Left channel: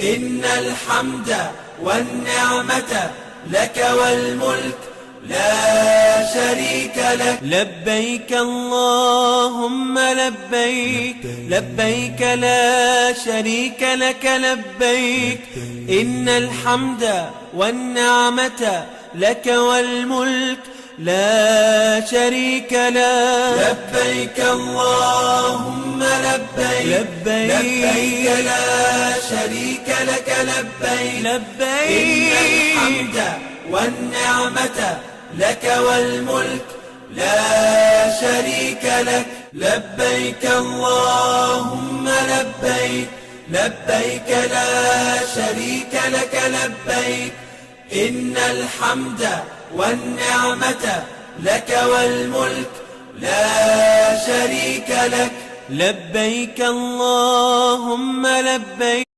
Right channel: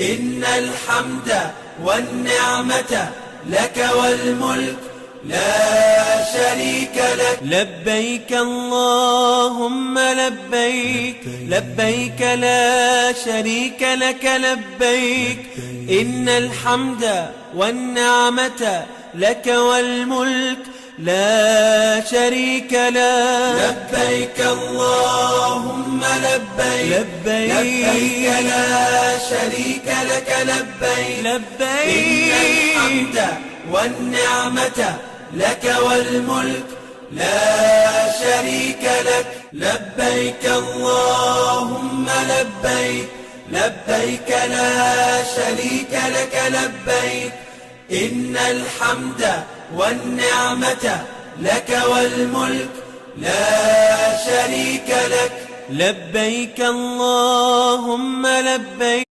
إن الحمد والنعمة لك والملك لا شريك لك. لبيك اللهم لبيك، لبيك لا شريك لك لبيك. إن الحمد والنعمة لك والملك لا شريك لك. لبيك اللهم لبيك، لبيك لا شريك لك لبيك. لبيك إن الحمد والنعمة لك والملك لا شريك لك. لبيك اللهم لبيك، لبيك لا شريك لك لبيك. إن الحمد والنعمة لك والملك لا شريك لك. لبيك اللهم لبيك.